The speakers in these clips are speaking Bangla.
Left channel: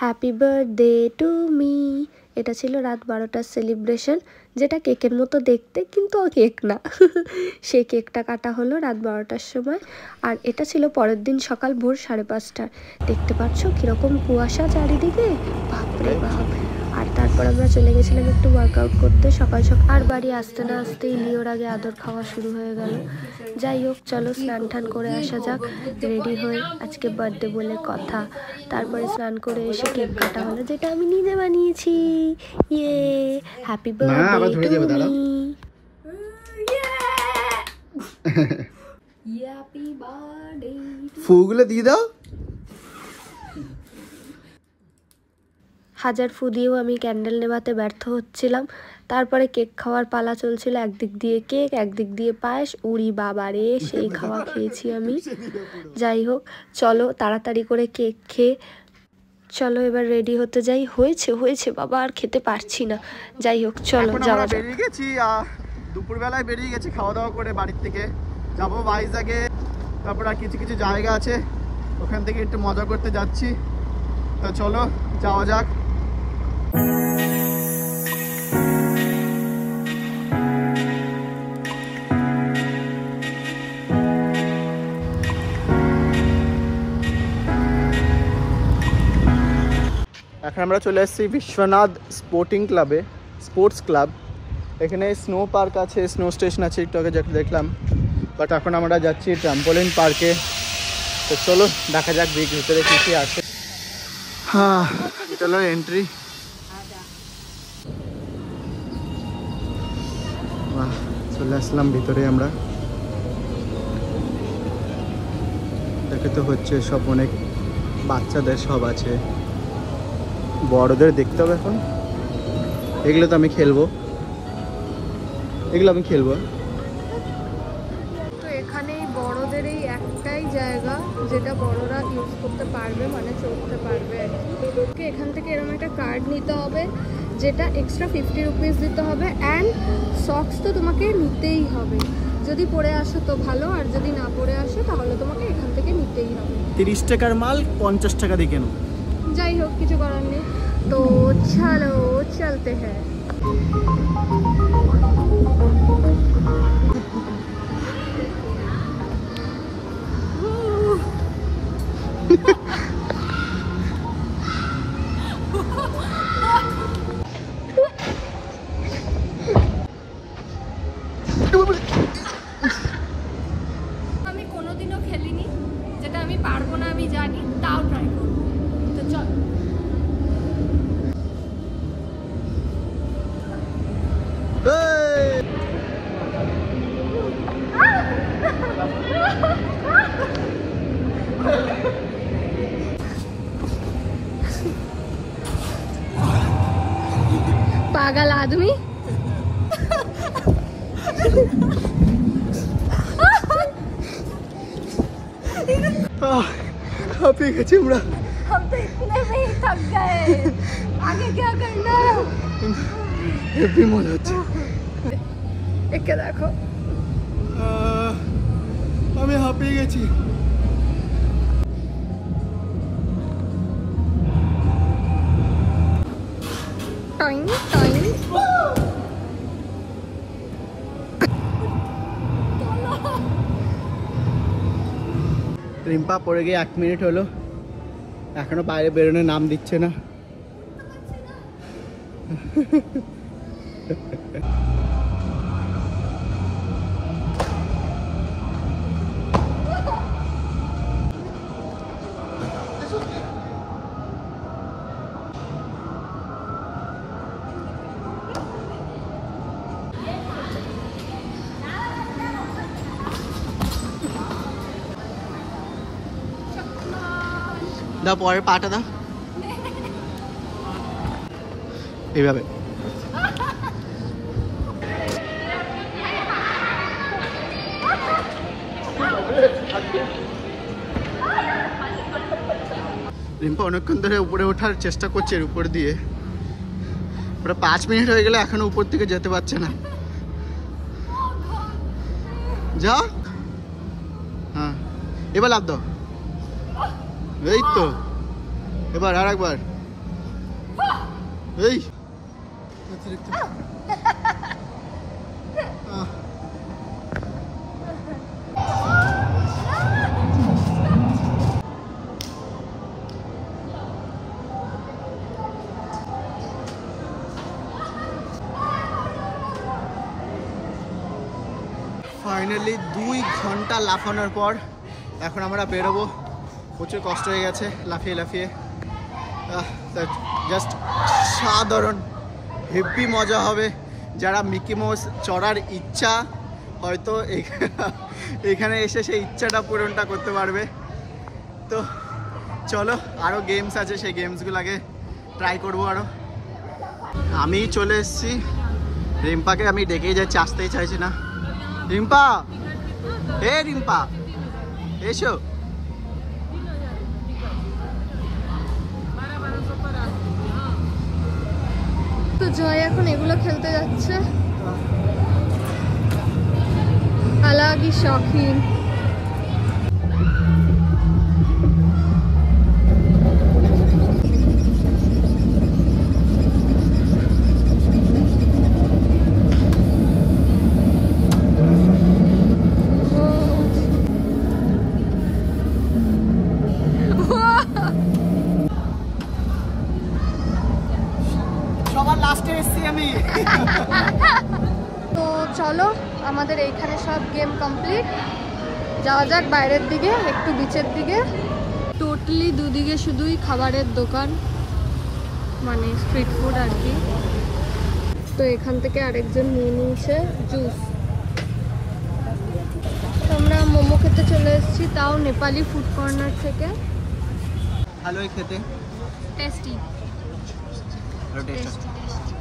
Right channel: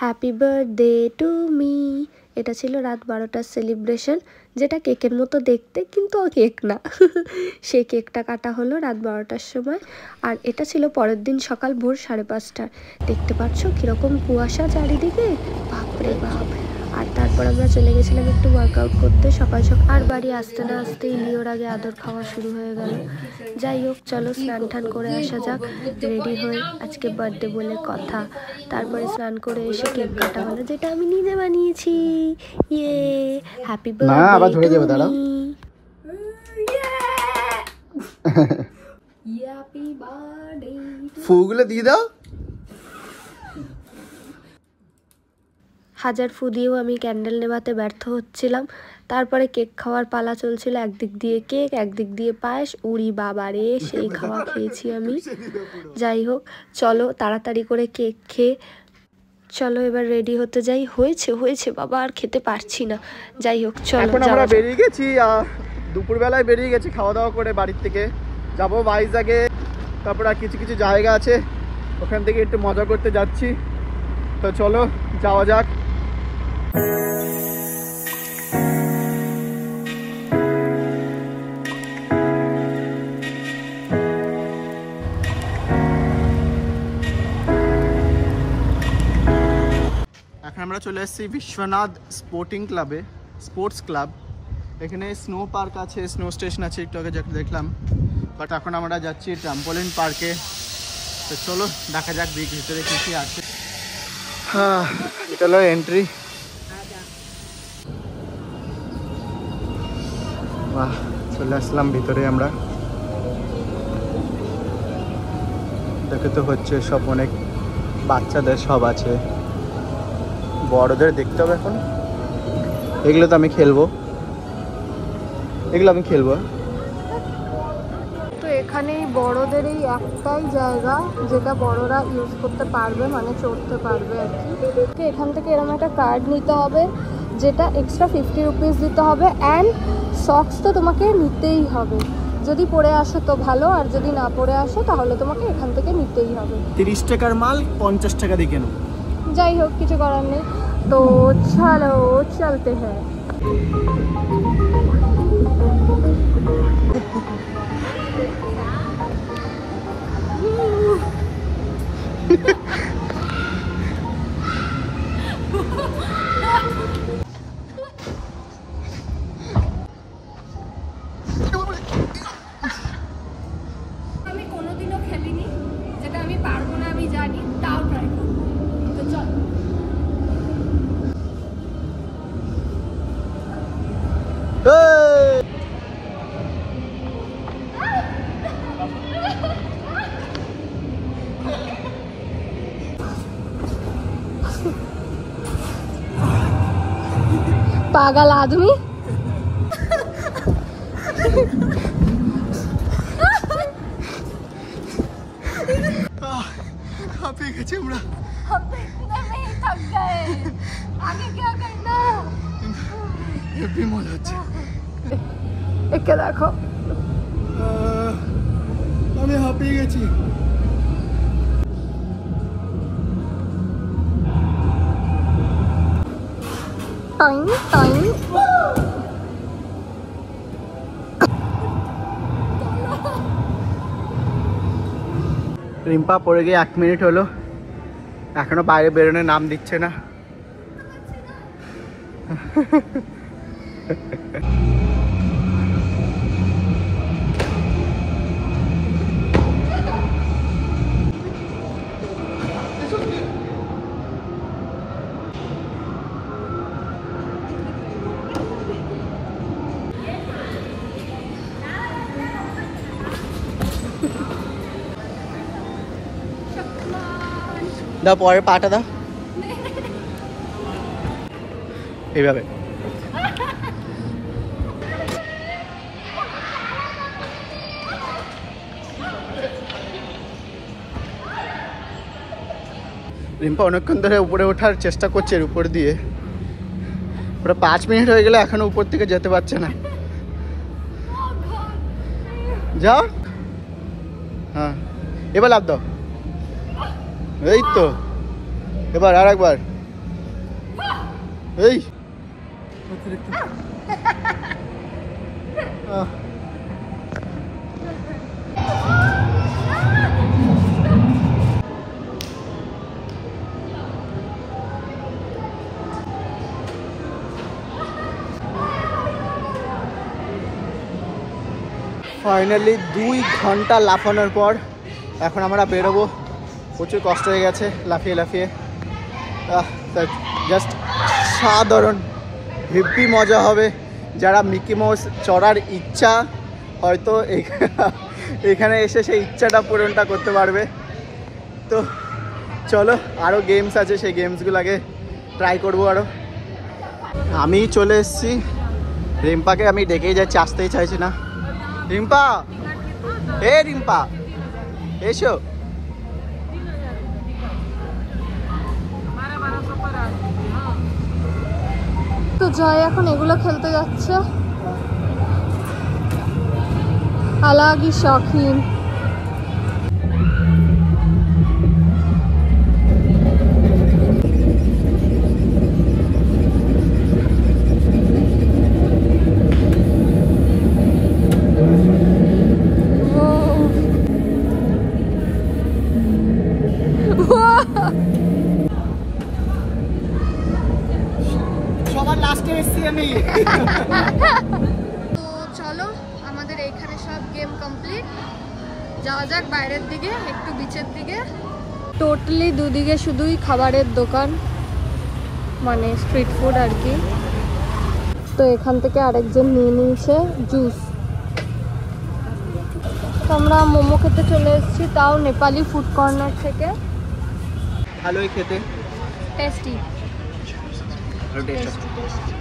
Happy birthday to me. এটা ছিল রাত 12টার সেলিব্রেশন, যেটা কেকের মতো দেখতে, কিন্তু ও কেক না। সেই কেকটা কাটা হলো রাত 12টার সময়। আর এটা ছিল পরের দিন সকাল ভোর 5:30টার। দেখতে পাচ্ছ কীরকম কুয়াশা চারিদিকে, বাপরে বাপ। আর তারপর আমরা চলে গেছিলাম একটু ওয়ার্কআউট করতে সকাল সকাল। আর বাড়ি আসতে না আসতেই লিওর আগে আদর খাওয়া শুরু হয়ে গেল। যাই হোক, চলো স্নান টান করে আসা যাক। রেডি হয়ে আজকে বার্থডে বলে কথা। তারপরে স্নান করে এসে কেক কাটা হলো, যেটা আমি নিজে বানিয়েছি। ইয়ে, happy birthday to me. Happy birthday. ফুগুলো দিয়ে দাও। হাজার ফু দিয়েও আমি ক্যান্ডেল নেভাতে ব্যর্থ হচ্ছিলাম। তারপরে কেক খাওয়ার পালা চলছিল, একদিক দিয়ে কেক একদিক দিয়ে পায়েস। উড়ি বাবারে, সেই খাওয়া খেয়েছি আমি। যাই হোক, চলো তাড়াতাড়ি করে কেক খেয়ে চলো এবার রেডি হতে যাই। হয়েছে হয়েছে বাবা, আর খেতে পারছি না। যাই হোক চলো যাওয়া যাক। বেরিয়ে গেছি, দুপুরবেলায় বেরিয়ে গেছি খাওয়া দাওয়া করে বাড়ির থেকে। যাবো ভাইজ্যাগে, তারপর আর কিছু কিছু জায়গা আছে, ওখান থেকে একটু মজা করতে যাচ্ছি। তো চলো যাওয়া যাক। এখন আমরা চলে এসেছি বিশ্বনাথ স্পোর্টস ক্লাব। এখানে স্নো পার্ক আছে, স্নো স্টেশন আছে, একটু আগে যেটা দেখলাম। বাট এখন আমরা যাচ্ছি ট্রাম্পোলিন পার্কে। তো চলো দেখা যাক ভিতরে কী কী আছে। হ্যাঁ, এটা হলো এন্ট্রি। বাহ, চলে আসলাম ভিতরে আমরা। দেখে তো হচ্ছে সব অনেক বাচ্চাদের সব আছে, বড়দের দেখতে হবে। এখন এগুলো তো আমি খেলবো, তো এখানেই বড়দের এই একটাই জায়গা যেটা বড়রা ইউজ করতে পারবে, মানে চড়তে পারবে আর কি। এখান থেকে এরকম একটা কার্ড নিতে হবে, যেটা এক্সট্রা 50 রুপিস দিতে হবে। অ্যান্ড সক্স তো তোমাকে নিতেই হবে। যদি পরে আসো তো ভালো, আর যদি না পরে আসো তাহলে তোমাকে এখান থেকে নিতেই হবে। 30 টাকার মাল 50 টাকা দিয়ে কেন। যাই হোক, কিছু করার নেই। তো চলো চলতে হ্যাঁ। আমি কোনোদিনও খেলিনি, যেটা আমি পারবো না আমি জানি, তাও ট্রাই করবো। তো চল। पागल आदमी। हापी गए हमरा। हम तो इतने में ही थक गए, आगे क्या करना। हेवी मजा হচ্ছে। একে দেখো, আমি হাঁপিয়ে গেছি। Time time. রিম্পা পড়ে গিয়ে 1 মিনিট হলো, এখনো বাইরে বেরোনোর নাম দিচ্ছে না। দা পরে পাটা দা এইভাবে। রিম্পা অনেকক্ষণ ধরে উপরে ওঠার চেষ্টা করছে, এর উপর দিয়ে। ওটা 5 মিনিট হয়ে গেলে এখনো উপর থেকে যেতে পারছে না। যা, হ্যাঁ এবার লাভ দাও। এই তো, এবার আর একবার। এই ফাইনালি 2 ঘন্টা লাফানোর পর এখন আমরা বেরোবো। প্রচুর কষ্ট হয়ে গেছে লাফিয়ে লাফিয়ে। জাস্ট সাধারণ হেভি মজা হবে। যারা মিকি মাউস চড়ার ইচ্ছা হয়তো এখানে এসে সেই ইচ্ছাটা পূরণটা করতে পারবে। তো চলো, আরও গেমস আছে, সেই গেমসগুলো আগে ট্রাই করবো আরও। আমি চলে এসেছি। রিম্পাকে আমি ডেকেই যাচ্ছি, আসতেই চাইছি না। রিম্পা, রিম্পা এসো। তো জয় এখন এগুলো খেলতে যাচ্ছে। আলাগি শখিন। তো চলো, আমাদের এইখানে সব গেম কমপ্লিট। যাওয়া যাক বাইরের দিকে, একটু বিচের দিকে। টোটালি দুদিকে শুধুই খাবারের দোকান, মানে স্ট্রিট ফুড আর কি। তো এখান থেকে আরেকজন নিয়ে নিয়েছে জুস। আমরা মোমো খেতে চলে এসেছি, তাও নেপালি ফুড কর্নার থেকে। ভালোই খেতে, টেস্টি টেস্টি টেস্টি।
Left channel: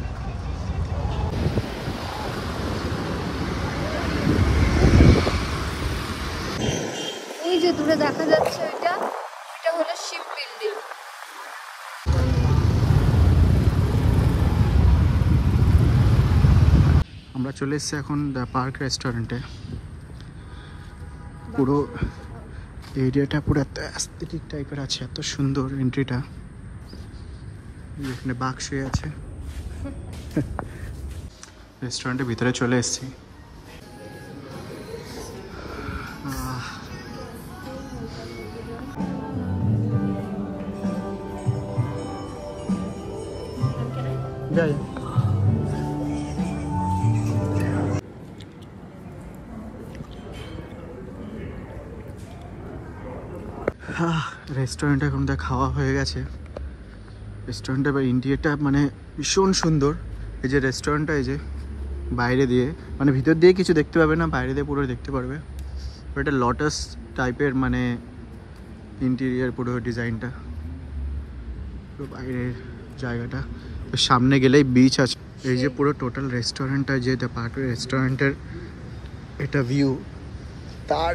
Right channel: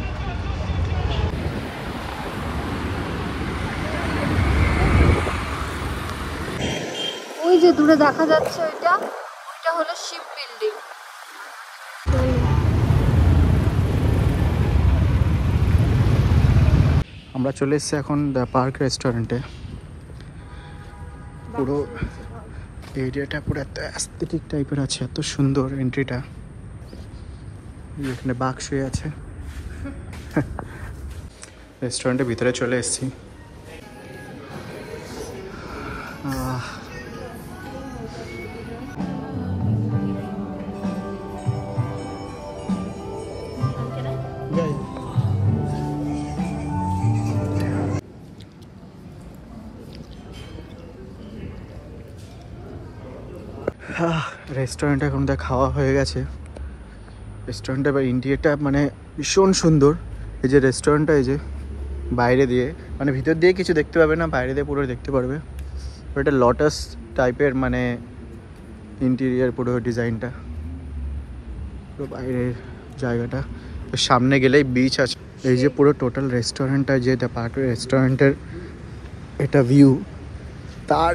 ওই যে দূরে দেখা যাচ্ছে ওইটা হলো শিপ বিল্ডিং। আমরা চলে এসেছি এখন দ্য পার্ক রেস্টুরেন্টে। পুরো এরিয়াটা পুরো এত অ্যাস্থেটিক টাইপের আছে, এত সুন্দর এন্ট্রিটা। এখানে বাঘ শুয়ে আছে। রেস্টুরেন্টের ভিতরে চলে এসেছি। রেস্টুরেন্টে এখন খাওয়া হয়ে গেছে। রেস্টুরেন্টে বা ইন্টেরিয়রটা মানে ভীষণ সুন্দর। এই যে রেস্টুরেন্টটা, এই যে বাইরে দিয়ে, মানে ভিতর দিয়ে কিছু দেখতে পাবে না, বাইরে দিয়ে পুরো দেখতে পারবে। এটা লটাস টাইপের মানে ইন্টেরিয়র, পুরো ডিজাইনটা, পুরো বাইরের জায়গাটা। তো সামনে গেলেই বিচ আছে। এই যে পুরো টোটাল রেস্টুরেন্টটা, যে দ্য পার্ক রেস্টুরেন্টের এটা ভিউ। তার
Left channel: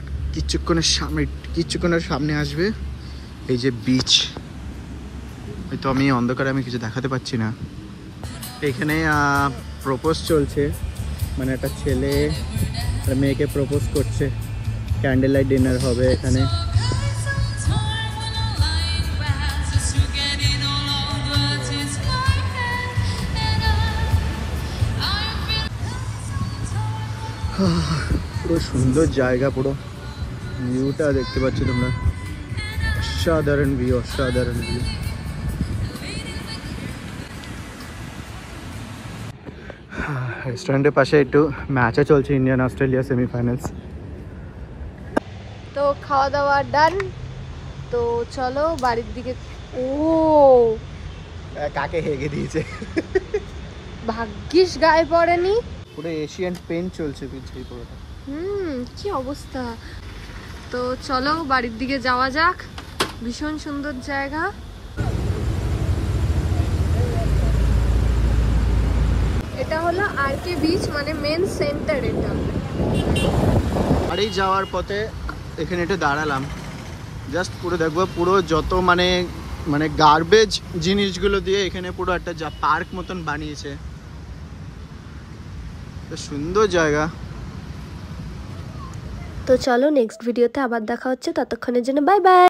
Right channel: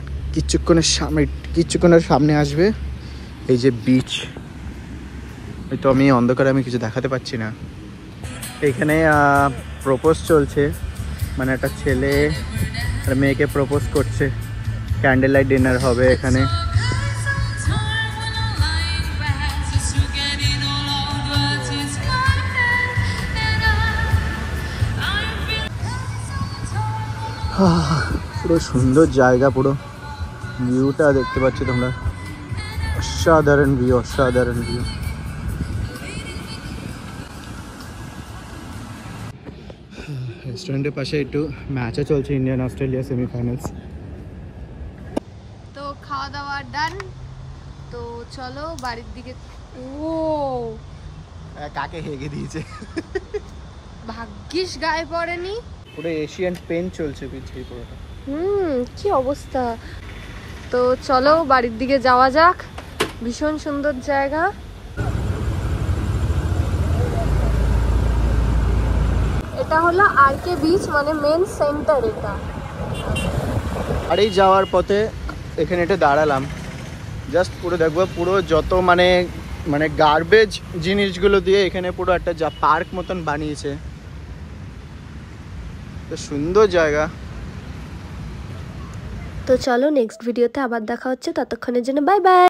কিছুক্ষণের সামনে আসবে এই যে বিচ। তো আমি অন্ধকারে আমি কিছু দেখাতে পাচ্ছি না। এখানে প্রপোজ চলছে, মানে একটা ছেলে আর মেয়েকে প্রপোজ করছে। ক্যান্ডেল লাইট ডিনার হবে এখানে। পুরো সুন্দর জায়গা, পুরো ভিউটা দেখতে পাচ্ছি তোমরা। অসাধারণ ভিউ, অসাধারণ ভিউ। রেস্টুরেন্টের পাশে একটু ম্যাচও চলছে, ইন্ডিয়ান অস্ট্রেলিয়া সেমিফাইনালস। তো খাওয়া দাওয়া ডান। তো চলো বাড়ির দিকে। ও কাকে হেগে দিয়েছে, ভাগ্যিস গায়ে পড়েনি। পুরো এশিয়ান পেইন্ট চলছে পিছিয়ে পুরোটা। কি অবস্থা। তো চলো বাড়ির দিকে যাওয়া যাক। ভীষণ সুন্দর জায়গা। এটা হলো আরকে বিচ, মানে মেন সেন্টার এটা। বাড়ি যাওয়ার পথে এখানে এটা দাঁড়ালাম, জাস্ট পুরো দেখবো পুরো যত মানে গার্বেজ জিনিসগুলো দিয়ে এখানে পুরো একটা যা পার্ক মতন বানিয়েছে। সুন্দর জায়গা। তো চলো নেক্সট ভিডিওতে আবার দেখা হচ্ছে, ততক্ষণের জন্য বাই বাই।